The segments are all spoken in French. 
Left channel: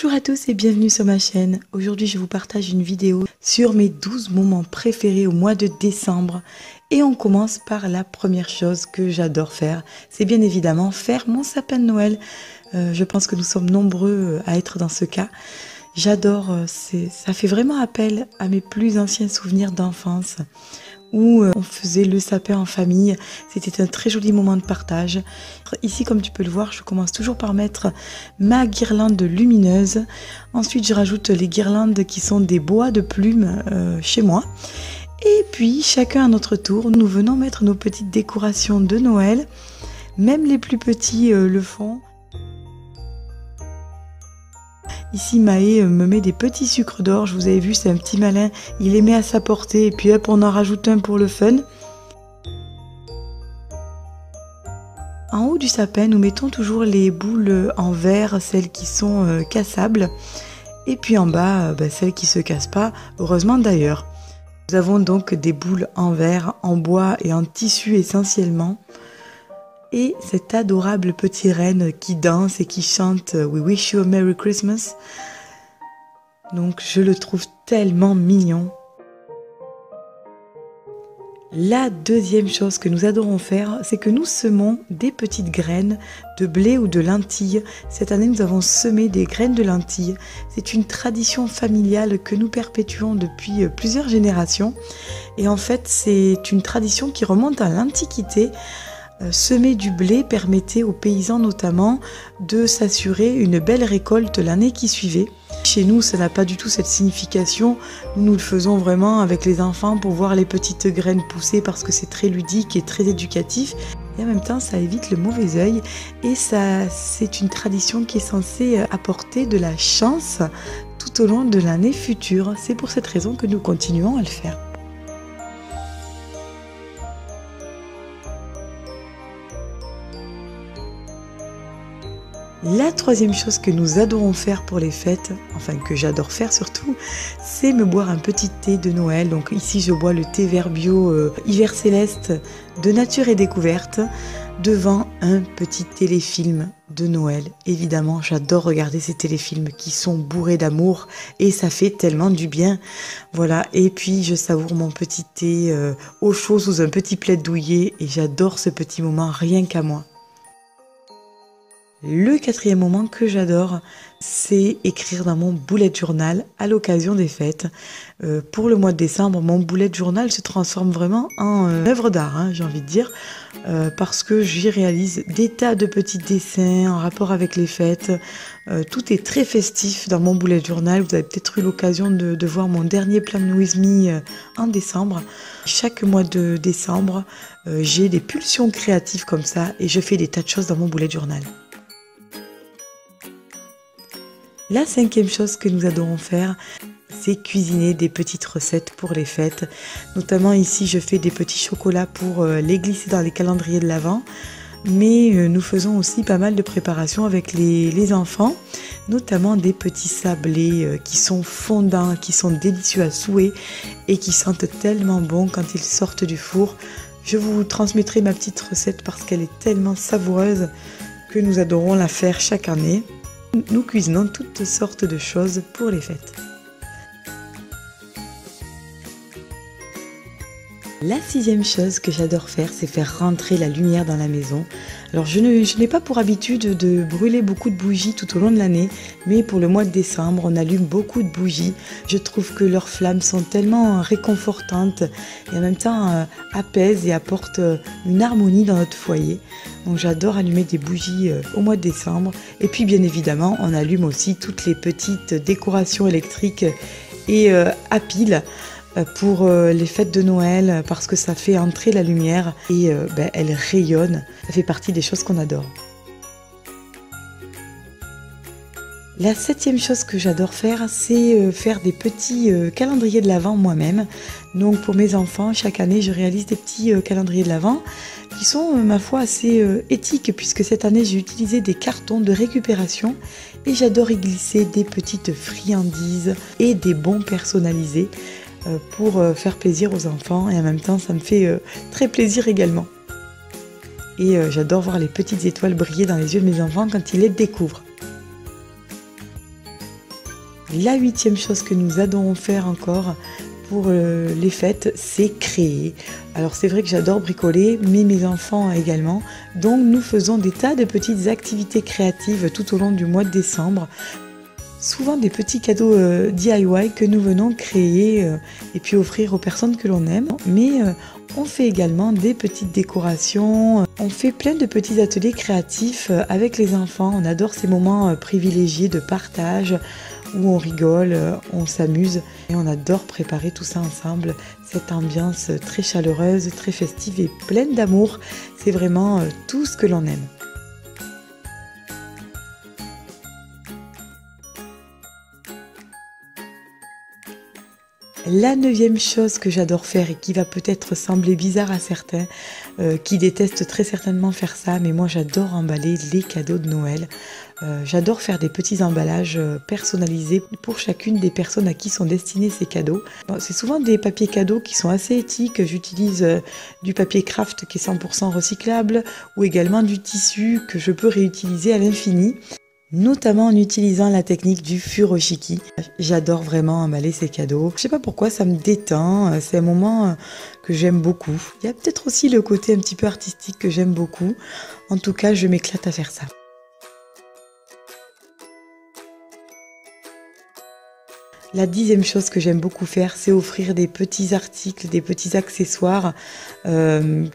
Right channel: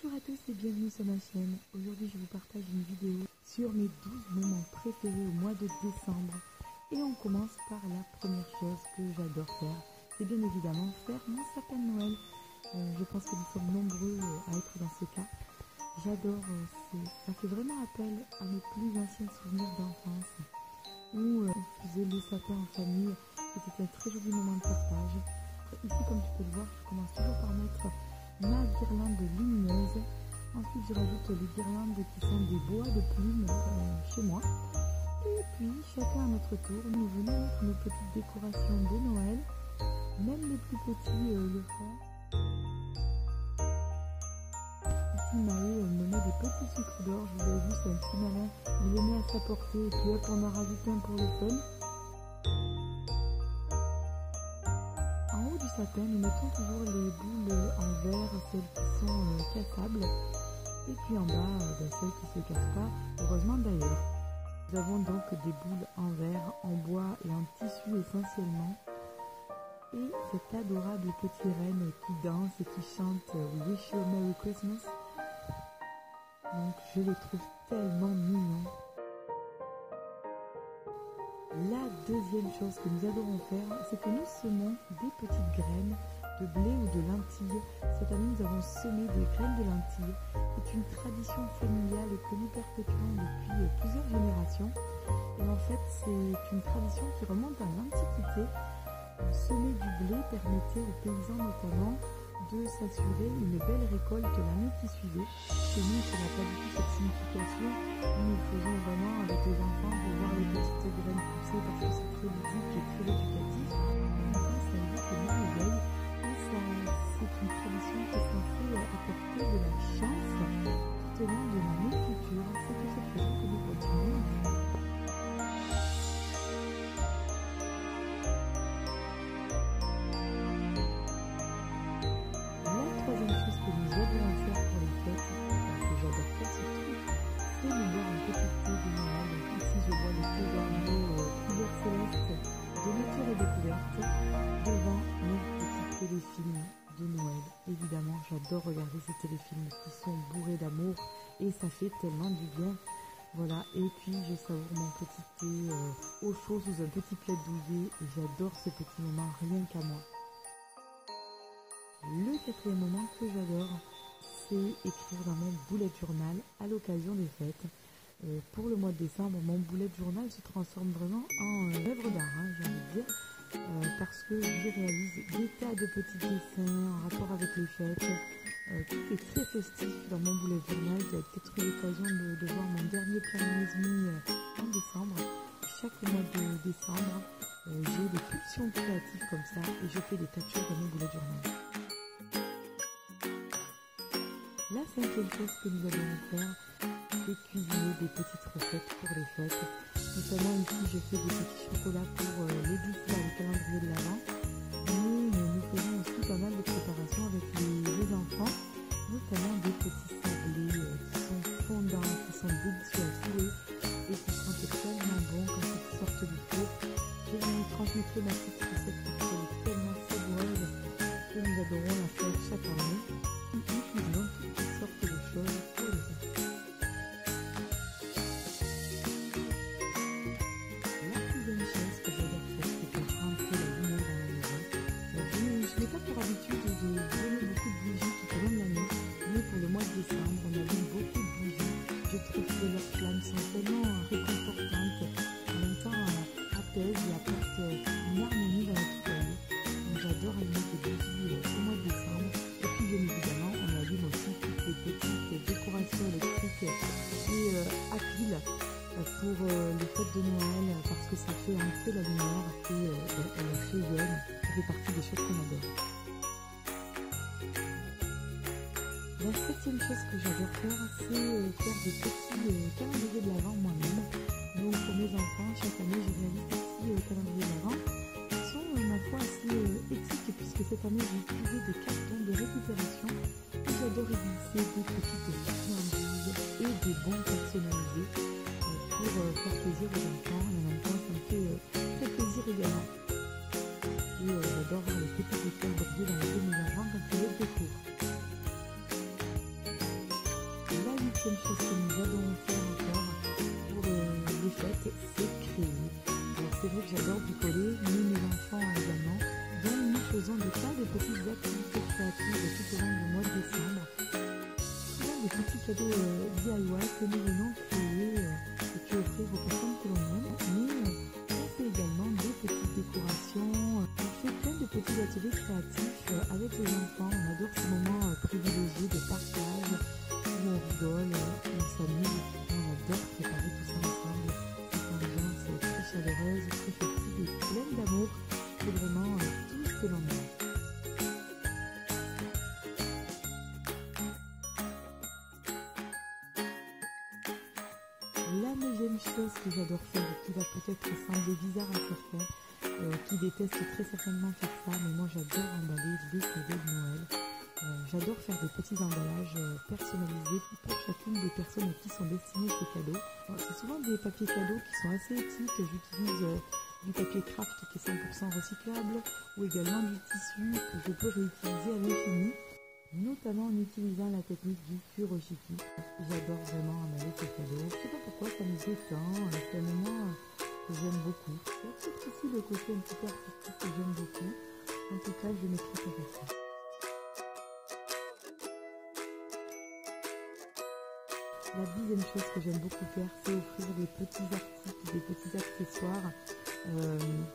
Bonjour à tous et bienvenue sur ma chaîne. Aujourd'hui je vous partage une vidéo sur mes 12 moments préférés au mois de décembre. Et on commence par la première chose que j'adore faire. C'est bien évidemment faire mon sapin de Noël. Je pense que nous sommes nombreux à être dans ce cas. J'adore, ça fait vraiment appel à mes plus anciens souvenirs d'enfance où on faisait le sapin en famille. C'était un très joli moment de partage. Ici, comme tu peux le voir, je commence toujours par mettre ma guirlande lumineuse. Ensuite, je rajoute les guirlandes qui sont des bois de plumes chez moi. Et puis, chacun à notre tour, nous venons mettre nos petites décorations de Noël. Même les plus petits le font. Ici, Maë me met des petits sucres d'orge. Vous avez vu, c'est un petit malin. Il les met à sa portée et puis hop, on en rajoute un pour le fun. En haut du sapin, nous mettons toujours les boules en verre, celles qui sont cassables. Et puis en bas, celles qui ne se cassent pas, heureusement d'ailleurs. Nous avons donc des boules en verre, en bois et en tissu essentiellement. Et cet adorable petit renne qui danse et qui chante « We wish you a Merry Christmas ». Donc je le trouve tellement mignon. La deuxième chose que nous adorons faire, c'est que nous semons des petites graines de blé ou de lentilles. Cette année, nous avons semé des graines de lentilles. C'est une tradition familiale que nous perpétuons depuis plusieurs générations. Et en fait, c'est une tradition qui remonte à l'Antiquité. Semer du blé permettait aux paysans notamment de s'assurer une belle récolte l'année qui suivait. Chez nous, ça n'a pas du tout cette signification. Nous le faisons vraiment avec les enfants pour voir les petites graines pousser parce que c'est très ludique et très éducatif. Et en même temps, ça évite le mauvais œil. Et c'est une tradition qui est censée apporter de la chance tout au long de l'année future. C'est pour cette raison que nous continuons à le faire. La troisième chose que nous adorons faire pour les fêtes, enfin que j'adore faire surtout, c'est me boire un petit thé de Noël. Donc ici je bois le thé vert bio Hiver Céleste de Nature et Découverte devant un petit téléfilm de Noël. Évidemment, j'adore regarder ces téléfilms qui sont bourrés d'amour et ça fait tellement du bien. Voilà, et puis je savoure mon petit thé au chaud sous un petit plaid douillet et j'adore ce petit moment rien qu'à moi. Le quatrième moment que j'adore, c'est écrire dans mon bullet journal à l'occasion des fêtes. Pour le mois de décembre, mon bullet journal se transforme vraiment en œuvre d'art, j'ai envie de dire, parce que j'y réalise des tas de petits dessins en rapport avec les fêtes. Tout est très festif dans mon bullet journal. Vous avez peut-être eu l'occasion de voir mon dernier Plan With Me en décembre. Chaque mois de décembre, j'ai des pulsions créatives comme ça et je fais des tas de choses dans mon bullet journal. La cinquième chose que nous adorons faire, c'est cuisiner des petites recettes pour les fêtes. Notamment ici, je fais des petits chocolats pour les glisser dans les calendriers de l'Avent. Mais nous faisons aussi pas mal de préparations avec les enfants, notamment des petits sablés qui sont fondants, qui sont délicieux à souhait et qui sentent tellement bon quand ils sortent du four. Je vous transmettrai ma petite recette parce qu'elle est tellement savoureuse que nous adorons la faire chaque année. Nous cuisinons toutes sortes de choses pour les fêtes. La sixième chose que j'adore faire, c'est faire rentrer la lumière dans la maison. Alors je n'ai pas pour habitude de brûler beaucoup de bougies tout au long de l'année, mais pour le mois de décembre, on allume beaucoup de bougies. Je trouve que leurs flammes sont tellement réconfortantes et en même temps apaisent et apportent une harmonie dans notre foyer. Donc j'adore allumer des bougies au mois de décembre. Et puis bien évidemment, on allume aussi toutes les petites décorations électriques et à piles pour les fêtes de Noël parce que ça fait entrer la lumière et elle rayonne. Ça fait partie des choses qu'on adore. La septième chose que j'adore faire, c'est faire des petits calendriers de l'Avent moi-même. Donc pour mes enfants, chaque année, je réalise des petits calendriers de l'Avent qui sont, ma foi, assez éthiques puisque cette année, j'ai utilisé des cartons de récupération et j'adore y glisser des petites friandises et des bons personnalisés pour faire plaisir aux enfants et en même temps, ça me fait très plaisir également. Et j'adore voir les petites étoiles briller dans les yeux de mes enfants quand ils les découvrent. La 8e chose que nous adorons faire encore pour les fêtes, c'est créer. Alors c'est vrai que j'adore bricoler, mais mes enfants également. Donc nous faisons des tas de petites activités créatives tout au long du mois de décembre. Souvent des petits cadeaux DIY que nous venons créer et puis offrir aux personnes que l'on aime. Mais on fait également des petites décorations, on fait plein de petits ateliers créatifs avec les enfants. On adore ces moments privilégiés de partage où on rigole, on s'amuse et on adore préparer tout ça ensemble. Cette ambiance très chaleureuse, très festive et pleine d'amour, c'est vraiment tout ce que l'on aime. La 9e chose que j'adore faire et qui va peut-être sembler bizarre à certains, qui détestent très certainement faire ça, mais moi j'adore emballer les cadeaux de Noël. J'adore faire des petits emballages personnalisés pour chacune des personnes à qui sont destinés ces cadeaux. Bon, c'est souvent des papiers cadeaux qui sont assez éthiques. J'utilise du papier craft qui est 100% recyclable ou également du tissu que je peux réutiliser à l'infini, notamment en utilisant la technique du furoshiki. J'adore vraiment emballer ces cadeaux. Je sais pas pourquoi, ça me détend, c'est un moment que j'aime beaucoup. Il y a peut-être aussi le côté un petit peu artistique que j'aime beaucoup. En tout cas, je m'éclate à faire ça. La 10e chose que j'aime beaucoup faire, c'est offrir des petits articles, des petits accessoires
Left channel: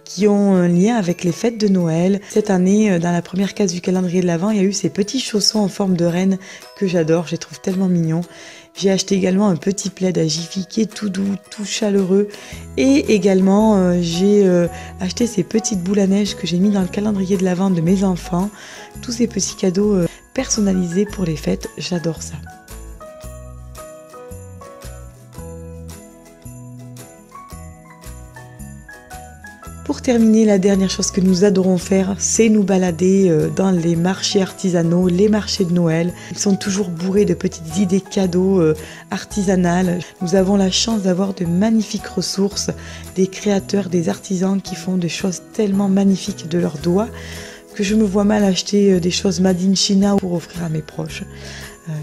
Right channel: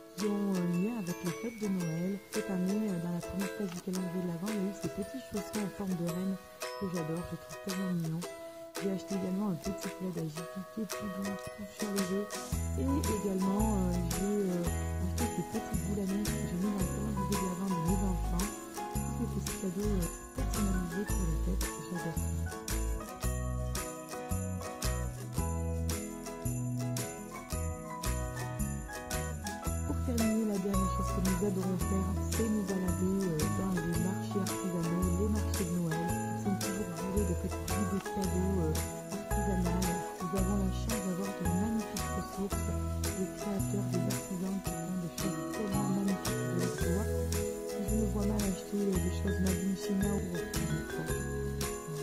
qui ont un lien avec les fêtes de Noël. Cette année, dans la première case du calendrier de l'Avent, il y a eu ces petits chaussons en forme de reine que j'adore, je les trouve tellement mignons. J'ai acheté également un petit plaid à Jiffy qui est tout doux, tout chaleureux. Et également, j'ai acheté ces petites boules à neige que j'ai mis dans le calendrier de l'Avent de mes enfants. Tous ces petits cadeaux personnalisés pour les fêtes, j'adore ça. Pour terminer, la dernière chose que nous adorons faire, c'est nous balader dans les marchés artisanaux, les marchés de Noël. Ils sont toujours bourrés de petites idées cadeaux artisanales. Nous avons la chance d'avoir de magnifiques ressources, des créateurs, des artisans qui font des choses tellement magnifiques de leurs doigts que je me vois mal acheter des choses made in China pour offrir à mes proches.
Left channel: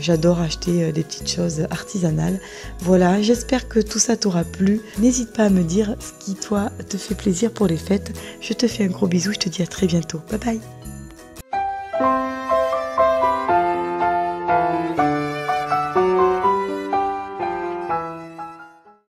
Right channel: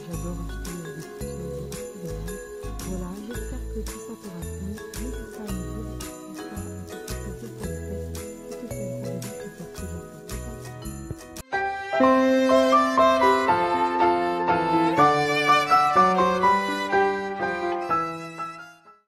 J'adore acheter des petites choses artisanales. Voilà, j'espère que tout ça t'aura plu. N'hésite pas à me dire ce qui, toi, te fait plaisir pour les fêtes. Je te fais un gros bisou, je te dis à très bientôt. Bye bye!